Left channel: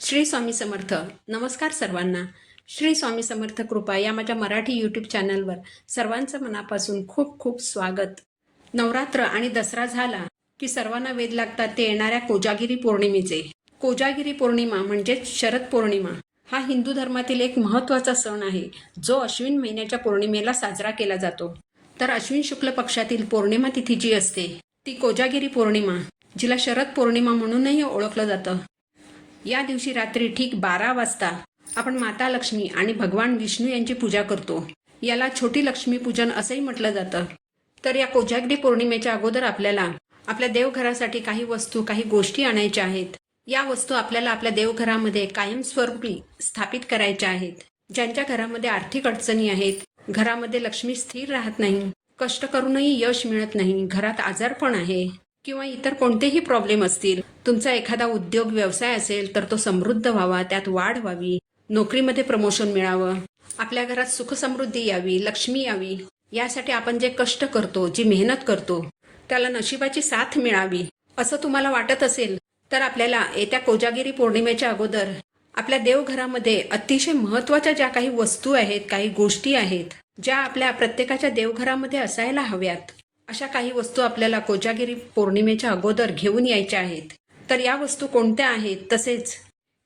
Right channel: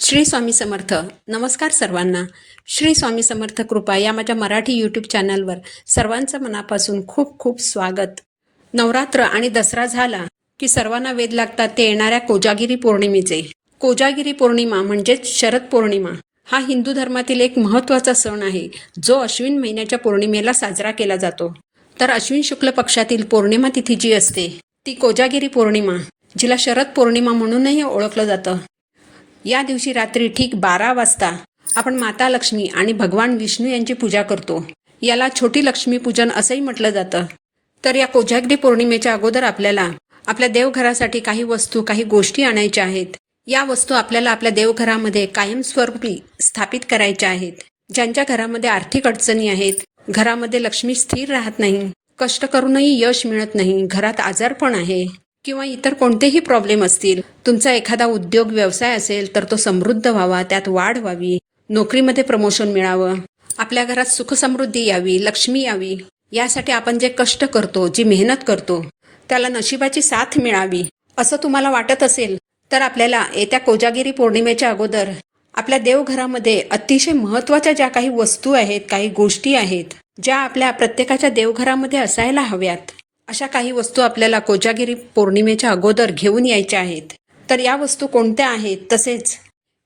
श्री स्वामी समर्थ. नमस्कार सर्वांना. श्री स्वामी समर्थ कृपा या माझ्या मराठी यूट्यूब चॅनलवर सर्वांचं मनापासून खूप खूप स्वागत. नवरात्र आणि दसरा झाला की सर्वांना वेध लागतात ते येणाऱ्या कोजागिरी पौर्णिमेचे. कोजागिरी पौर्णिमा म्हणजेच शरद पौर्णिमा हा हिंदू धर्मातील एक महत्त्वाचा सण आहे जो अश्विन महिन्याच्या पौर्णिमेला साजरा केला जातो. तर अश्विन शुक्ल पक्षातील पौर्णिमा तिथी जी असते ती कोजागिरी पौर्णिमा जिला शरद पौर्णिमा म्हणूनही ओळखलं जातं. या दिवशी रात्री ठीक बारा वाजता आपण माता लक्ष्मी आणि भगवान विष्णू यांची पूजा करतो. याला छोटी लक्ष्मी पूजन असंही म्हटलं जातं. तर या कोजागिरी पौर्णिमेच्या अगोदर आपल्याला आपल्या देवघरासाठी काही वस्तू काही गोष्टी आणायच्या आहेत. या वस्तू आपल्याला आपल्या देवघरामध्ये कायमस्वरूपी स्थापित करायच्या आहेत. ज्यांच्या घरामध्ये आर्थिक अडचणी आहेत घरामध्ये लक्ष्मी स्थिर राहत नाही कष्ट करूनही यश मिळत नाही घरात आजारपण आहे. किंवा इतर कोणतेही प्रॉब्लेम असतील तुमचा एखादा उद्योग व्यवसाय असेल तर तो समृद्ध व्हावा त्यात वाढ व्हावी नोकरीमध्ये प्रमोशन मिळावं आपल्या घरात सुखसमृद्धी यावी लक्ष्मी यावी यासाठी आपण जे कष्ट करतो जी मेहनत करतो त्याला नशिबाची साथ मिळावी असं तुम्हाला वाटत असेल तर आपल्याला येत्या कोजागिरी पौर्णिमेच्या अगोदर आपल्या देवघरामध्ये अतिशय महत्त्वाच्या ज्या काही वस्तू आहेत काही गोष्टी आहेत ज्या आपल्या प्रत्येकाच्या देवघरामध्ये असायला हव्यात अशा काही वस्तू आपल्याला कोजागिरी पौर्णिमेच्या अगोदर घेऊन यायच्या आहेत. तर या वस्तू कोणत्या आहेत? तसेच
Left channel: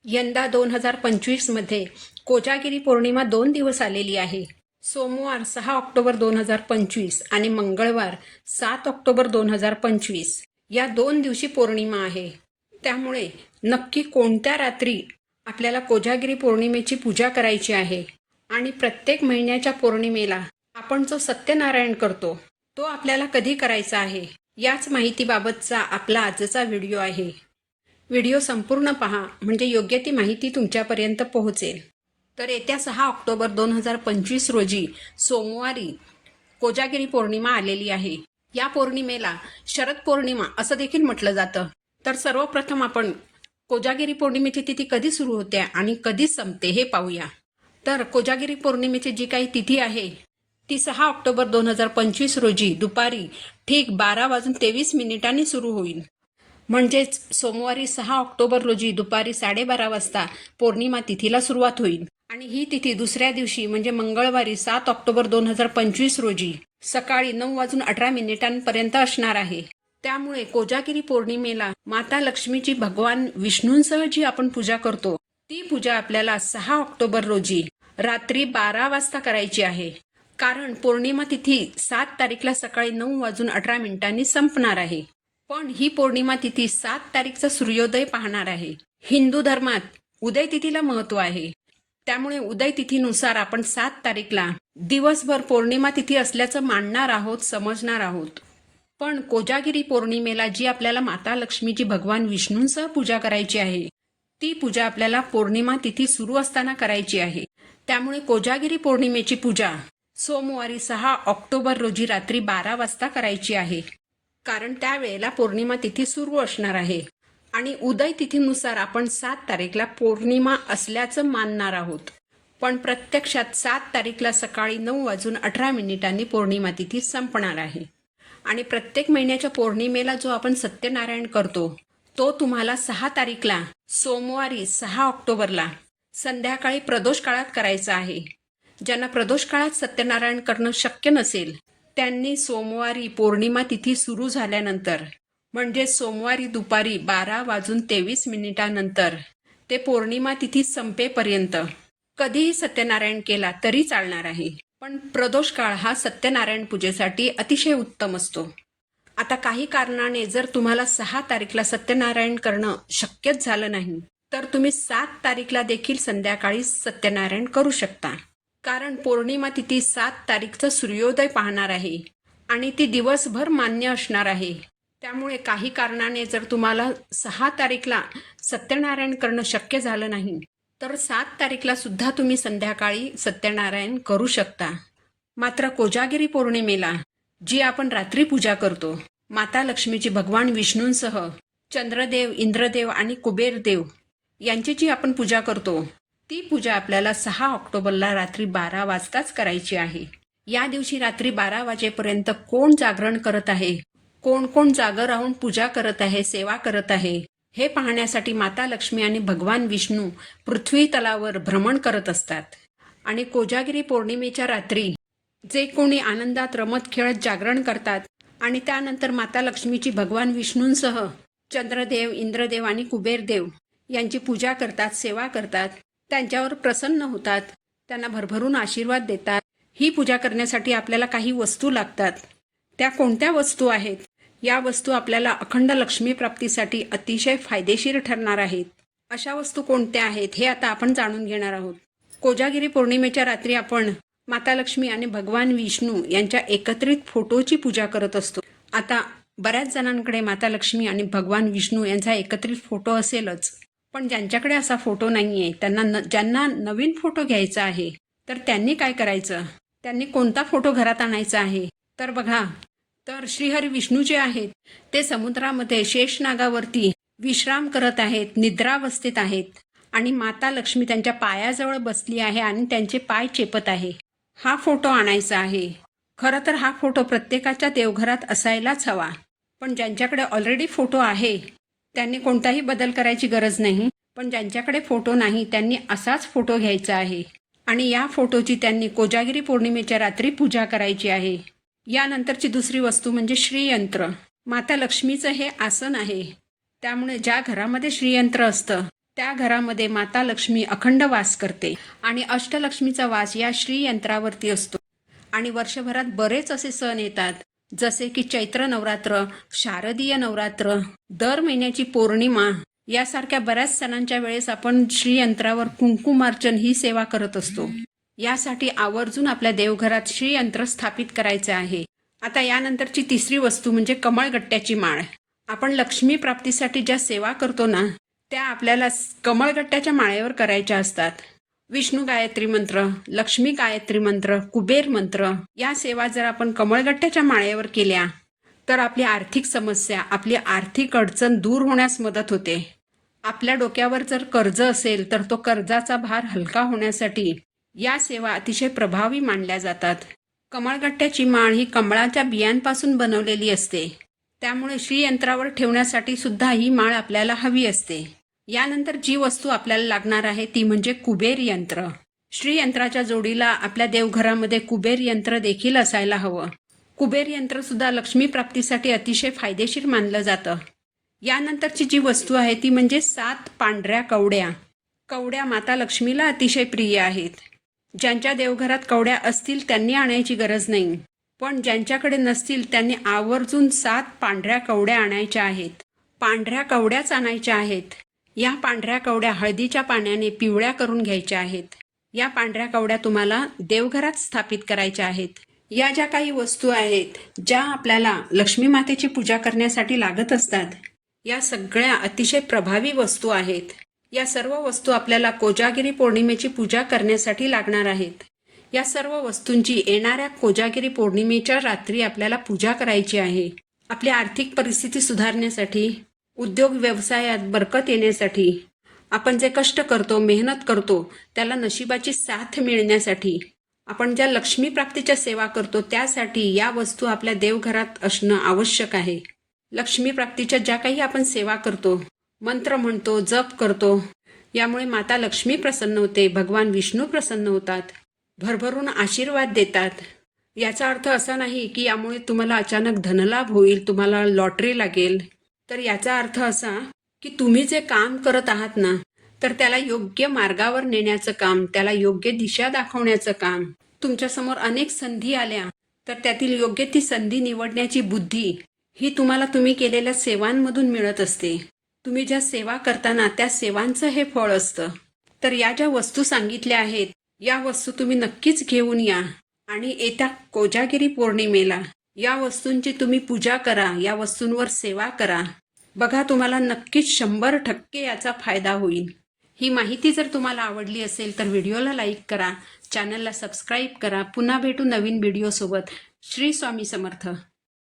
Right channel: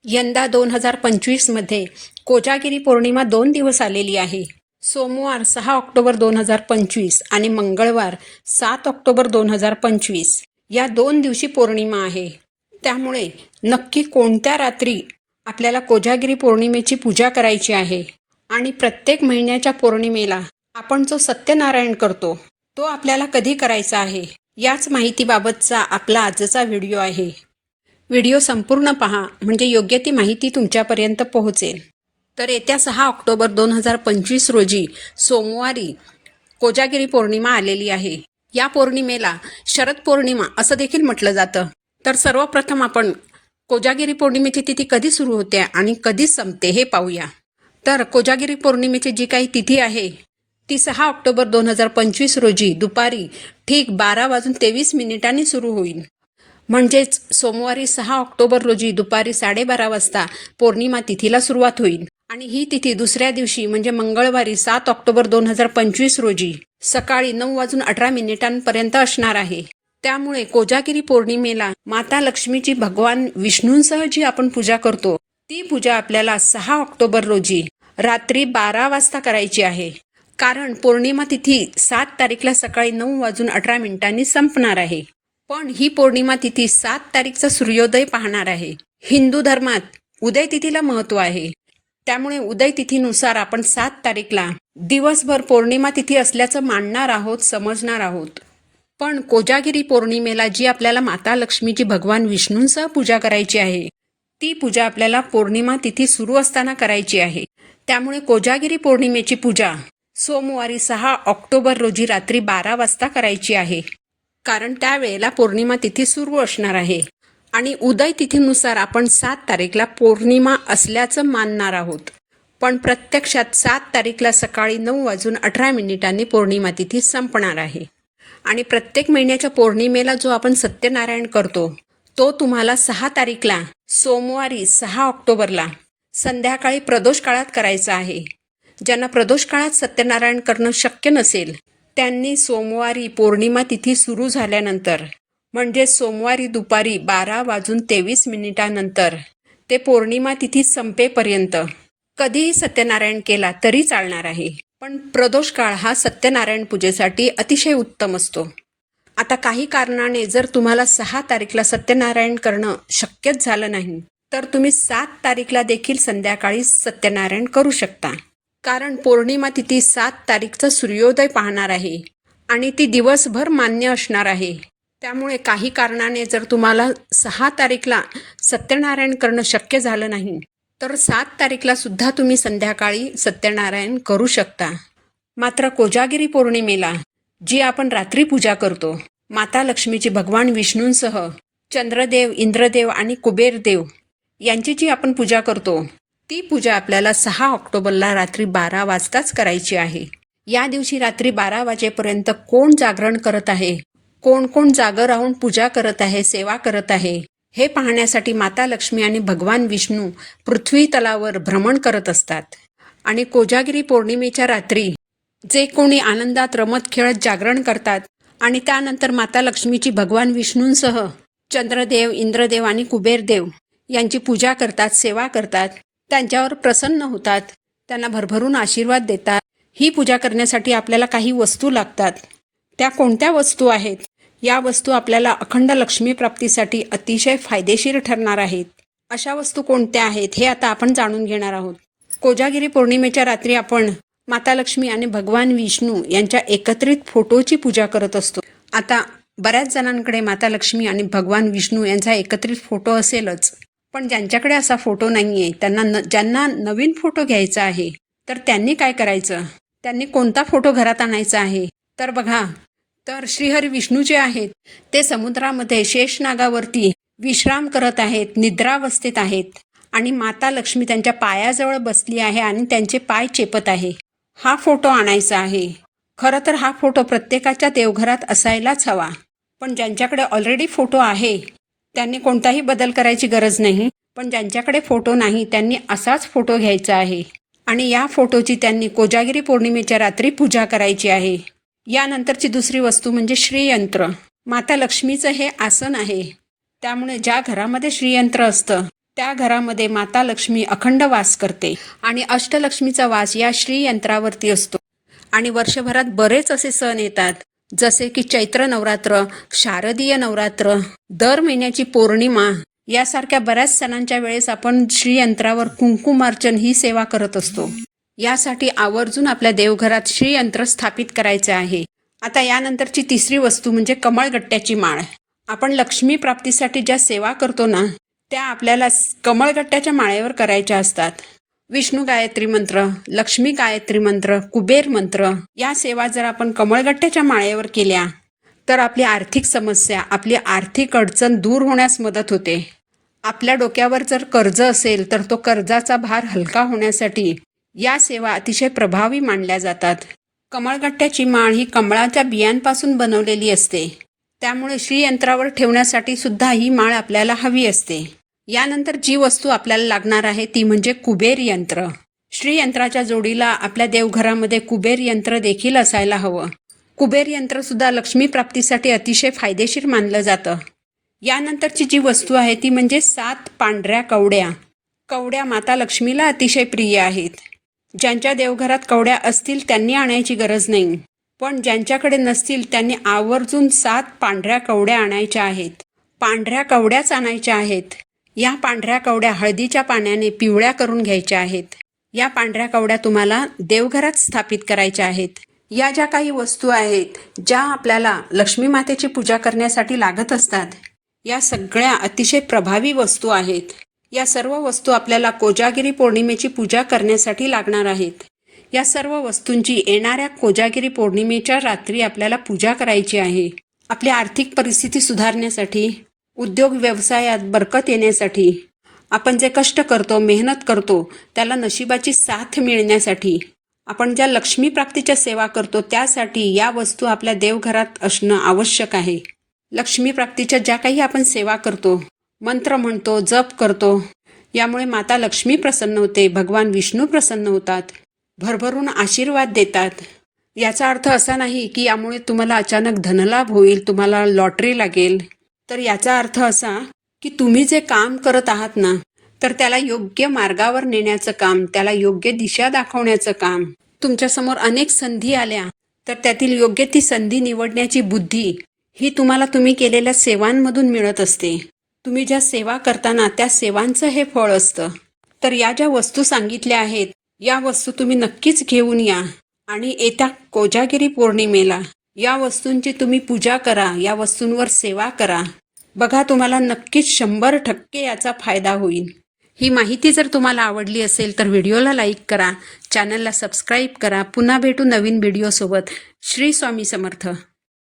यंदा दोन हजार पंचवीसमध्ये कोजागिरी पौर्णिमा दोन दिवस आलेली आहे. सोमवार सहा ऑक्टोबर दोन हजार पंचवीस आणि मंगळवार सात ऑक्टोबर दोन हजार पंचवीस या दोन दिवशी पौर्णिमा आहे. त्यामुळे नक्की कोणत्या रात्री आपल्याला कोजागिरी पौर्णिमेची पूजा करायची आहे? आणि प्रत्येक महिन्याच्या पौर्णिमेला आपण जो सत्यनारायण करतो तो आपल्याला कधी करायचा आहे? याच माहितीबाबतचा आपला आजचा व्हिडिओ आहे. व्हिडिओ संपूर्ण पहा म्हणजे योग्य ती माहिती तुमच्यापर्यंत पोहोचेल. तर येत्या सहा ऑक्टोबर दोन हजार पंचवीस रोजी सोमवारी कोजागिरी पौर्णिमा आलेली आहे. या पौर्णिमेला शरद पौर्णिमा असं देखील म्हटलं जातं. तर सर्वप्रथम आपण कोजागिरी पौर्णिमेची तिथी कधी सुरू होते आणि कधी संपते हे पाहूया. तर कोजागिरी पौर्णिमेची जी काही तिथी आहे ती सहा ऑक्टोबर दोन हजार पंचवीस रोजी दुपारी ठीक बारा वाजून तेवीस मिनिटांनी सुरू होईल. म्हणजेच सोमवारी सहा ऑक्टोबर रोजी दुपारी साडेबारा वाजता पौर्णिमा तिथीला सुरुवात होईल. आणि ही तिथी दुसऱ्या दिवशी म्हणजे मंगळवारी सात ऑक्टोबर दोन हजार पंचवीस रोजी सकाळी नऊ वाजून अठरा मिनिटांपर्यंत असणार आहे. त्यामुळे कोजागिरी पौर्णिमेला माता लक्ष्मीची भगवान विष्णूंसह जी आपण पूजा करतो ती पूजा आपल्याला सहा ऑक्टोबर रोजी रात्री बारा वाजता करायची आहे. कारण पौर्णिमा तिथी सात तारीखला सकाळी नऊ वाजून अठरा मिनिटांनी संपणार आहे. पण ही पौर्णिमा तिथी सात तारीखचा सूर्योदय पाहणार आहे. हिंदू धर्मात उदय तिथीला महत्त्व आहे. त्यामुळे उदय तिथीनुसार आपण सात तारीखला दिवसभर पौर्णिमा तिथी असल्याचं मानणार आहोत समजणार आहोत. पण कोजागिरी पौर्णिमेला जी आपल्याला माता लक्ष्मीची भगवान विष्णूंसह पूजा करायची आहे ती पूजा आपल्याला पौर्णिमा तिथी सुरू असताना करायची आहे. त्यामुळे कोजागिरी पौर्णिमेची पूजा सोमवारी सहा ऑक्टोबर रोजी रात्री बारा वाजता करायची आहे. कारण त्यावेळेला पौर्णिमा तिथी सुरू असणार आहे. आणि उदय तिथीनुसार आपण सात तारीखला पौर्णिमा असल्याचं मानणार आहोत. पण प्रत्यक्षात सात तारीखला सकाळी नऊ वाजून अठरा मिनिटांनी पौर्णिमा तिथी संपणार आहे. आणि प्रत्येक महिन्याच्या पौर्णिमेला जो आपण सत्यनारायण करतो तो तुम्हाला सहा तारीखला सोमवारी सहा ऑक्टोबरला संध्याकाळी प्रदोष काळात करायचा आहे. ज्यांना प्रदोष काळात सत्यनारायण करणं शक्य नसेल त्यांनी सोमवारी पौर्णिमा तिथी सुरू झाल्यानंतर म्हणजे सोमवारी दुपारी बारा वाजून तेवीस मिनिटानंतर ते पौर्णिमा तिथी संपेपर्यंत. कधीही सत्यनारायण केला तरी चालणार आहे पण प्रदोष काळ हा सत्यनारायण पूजेसाठी अतिशय उत्तम असतो. आता काही कारणाने जर तुम्हाला सहा तारीखला सत्यनारायण करणं शक्यच झालं नाही तर तुम्ही सात तारीखला देखील संध्याकाळी सत्यनारायण करू शकता. कारण पौर्णिमा तिथी सात तारीखचा सूर्योदय पाहणार आहे आणि ती दिवसभर मान्य असणार आहे. त्यामुळे काही कारणाने जर तुम्हाला सहा तारीखला सत्यनारायण करणं शक्य झालं नाही तर सात तारीखला सुद्धा तुम्ही संध्याकाळी सत्यनारायण करू शकता. मात्र कोजागिरी पौर्णिमेला जी आपण रात्री पूजा करतो माता लक्ष्मीची भगवान विष्णूंसह चंद्रदेव इंद्रदेव आणि कुबेरदेव यांची जी आपण पूजा करतो ती पूजा आपल्याला सहा ऑक्टोबरला रात्री बारा वाजताच करायची आहे. या दिवशी रात्री बारा वाजेपर्यंत कोण जागरण करत आहे? कोण कोण जागं राहून पूजा करत आहे सेवा करत आहे? हे पाहण्यासाठी माता लक्ष्मी आणि भगवान विष्णू पृथ्वी तलावर भ्रमण करत असतात. आणि कोजागिरी पौर्णिमेच्या रात्री जे कोणी आनंदात रमत खेळत जागरण करतात आणि त्यानंतर माता लक्ष्मीची भगवान विष्णूंसह चंद्रदेव इंद्रदेव आणि कुबेरदेव यांची पूजा करतात सेवा करतात त्यांच्यावर प्रसन्न होतात. त्यांना भरभरून आशीर्वाद देतात. ही पूजा करण्यासाठी आपल्याला काही वस्तू लागतात. त्या कोणत्या वस्तू आहेत? या वस्तू आपल्याला अखंड लक्ष्मी प्राप्तीसाठी अतिशय फायदेशीर ठरणार आहेत. अशा वस्तू कोणत्या आहेत हे आता आपण जाणून घेणार आहोत. कोजागिरी पौर्णिमेच्या रात्री आपण माता लक्ष्मी आणि भगवान विष्णू यांच्या एकत्रित फोटोची पूजा करत असतो. आता बऱ्याच जणांकडे माता लक्ष्मी आणि भगवान विष्णू यांचा एकत्रित फोटो असेलच. पण ज्यांच्याकडे असा फोटो नाही आहे त्यांना न ज्यांना नवीन फोटो घ्यायचा आहे तर त्यांनी काय करायचं? त्यांनी कोणता फोटो घरात आणायचा आहे? तर बघा तर श्रीहरी विष्णू जे आहेत ते समुद्रामध्ये शेषनागावरती विश्राम करत आहेत निद्रावस्थेत आहेत आणि माता लक्ष्मी त्यांच्या पायाजवळ बसली आहे आणि त्यांचे पाय चेपत आहे. हा फोटो आणायचा आहे. खरं तर हा फोटो प्रत्येकाच्या देवघरात असायलाच हवा. पण ज्यांच्याकडे ऑलरेडी फोटो आहे त्यांनी कोणताही बदल करायची गरज नाही पण ज्यांच्याकडे फोटो नाही त्यांनी असाच फोटो घ्यायचा आहे. आणि या फोटोची त्यांनी कोजागिरी पौर्णिमेच्या रात्री पूजा करायची आहे. यानंतरची दुसरी वस्तू म्हणजे श्रीयंत्र. माता लक्ष्मीचं हे आसन आहे. त्यामुळे ज्या घरामध्ये श्रीयंत्र असतं त्या घरामध्ये माता लक्ष्मी अखंड वास करते. आणि अष्टलक्ष्मीचा वास या श्रीयंत्रावरती असतो. आणि वर्षभरात बरेच असे सण येतात. जसे की चैत्र नवरात्र शारदीय नवरात्र दर महिन्याची पौर्णिमा यासारख्या बऱ्याच सणांच्या वेळेस आपण श्रीयंत्रावर कुंकुमार्चन ही सेवा करत असतो. यासाठी आवर्जून आपल्या देवघरात श्रीयंत्र स्थापित करायचे आहे. आता यानंतरची तिसरी वस्तू म्हणजे कमळगट्ट्याची माळ. आपण लक्ष्मी प्राप्तीसाठी ज्या सेवा करतो ना त्या आपल्याला कमळगट्ट्याच्या माळेवर करायच्या असतात. विष्णू गायत्री मंत्र लक्ष्मी गायत्री मंत्र कुबेर मंत्र या सेवा जर आपण कमळगट्ट्याच्या माळेवर केल्या तर आपली आर्थिक समस्या आपली आर्थिक अडचण दूर होण्यास मदत होते. आपल्या डोक्यावर जर कर्ज असेल तर तो कर्जाचा भार हलका होण्यासाठी या सेवा अतिशय प्रभावी मानल्या जातात. कमळगट्ट्याची माळ ही कमळाच्या बियांपासून बनवलेली असते. त्यामुळे श्रीयंत्रावर ठेवण्यासाठी सुद्धा ही माळ आपल्याला हवी असते. यानंतर जी वस्तू आपल्याला लागणार आहे ती म्हणजे कुबेर यंत्र. श्रीयंत्राच्या जोडीला आपल्या देवघरामध्ये कुबेर यंत्र देखील असायला हवं. कुबेर यंत्र सुद्धा लक्ष्मी प्राप्तीसाठी अतिशय फायदेशीर मानलं जातं. यानंतरची जी वस्तू आहे ती म्हणजे सात पांढऱ्या कवड्या. कवड्या माता लक्ष्मीला अतिशय प्रिय आहेत. ज्यांच्या देवघरात कवड्या असतील त्यांनी आणायची गरज नाही. पण ज्यांच्याकडे नसतील त्यांनी आवर्जून सात पांढऱ्या कवड्या आणायच्या आहेत. पांढऱ्या कवड्याच आणायच्या आहेत. या पांढऱ्या कवड्या हळदीच्या पाण्याने पिवळ्या करून घ्यायच्या आहेत. या पांढऱ्या कवड्या तुम्हाला देवघरात स्थापित करायच्या आहेत. या ज्या काही वस्तू आहेत ज्या आपल्याला लक्ष्मी मातेची पूजा करण्यासाठी लागत असतात या सगळ्या अतिशय प्रभावी वस्तू आहेत. या सर्व वस्तू आपल्याला कोजागिरी पौर्णिमेची पूजा करण्यासाठी लागणार आहेत. या सर्व वस्तूंची येणाऱ्या कोजागिरी पौर्णिमेच्या रात्री आपल्याला पूजा करायची आहे. आपली आर्थिक परिस्थिती सुधारण्यासाठी उद्योग व्यवसायात बरकत येण्यासाठी आपण जे कष्ट करतो मेहनत करतो त्याला नशिबाची साथ मिळण्यासाठी आपण ज्या लक्ष्मी प्राप्तीच्या सेवा करतो त्यासाठी या वस्तू आपल्या देवघरात असणं आवश्यक आहे. लक्ष्मी प्राप्तीच्या ज्या काही आपण सेवा करतो मंत्र म्हणतो जप करतो यामुळे माता लक्ष्मी प्रसन्न होते भगवान विष्णू प्रसन्न होतात भरभरून आशीर्वाद देतात. याचा अर्थ असा नाही की यामुळे तुम्हाला अचानक धनलाभ होईल तुम्हाला लॉटरी लागेल तर याचा अर्थ असा की तुम्ही जे काम करत आहात ना तर त्याला योग्य मार्गावर नेण्याचं काम त्याला योग्य दिशा दाखवण्याचं काम. तुमच्यासमोर अनेक संधी आल्या तर त्यातील योग्य ती संधी निवडण्याची बुद्धी ही तुम्हाला तुम्ही केलेल्या सेवांमधून मिळत असते. तुम्ही ज्या सेवा करताना त्या सेवांचं हे फळ असतं. तर या ज्या वस्तू सांगितल्या आहेत या वस्तू तुम्ही नक्कीच घेऊन या आणि येत्या कोजागिरी पौर्णिमेला या वस्तूंची तुम्ही पूजा करा या वस्तूंवर सेवा करा. बघा तुम्हाला नक्कीच शंभर टक्के याचा फायदा होईल. ही माहिती जर तुम्हाला आवडली असेल तर व्हिडिओला लाईक करा चॅनलला सबस्क्राईब करा. पुन्हा भेटू नवीन व्हिडिओसोबत. श्री स्वामी समर्थ.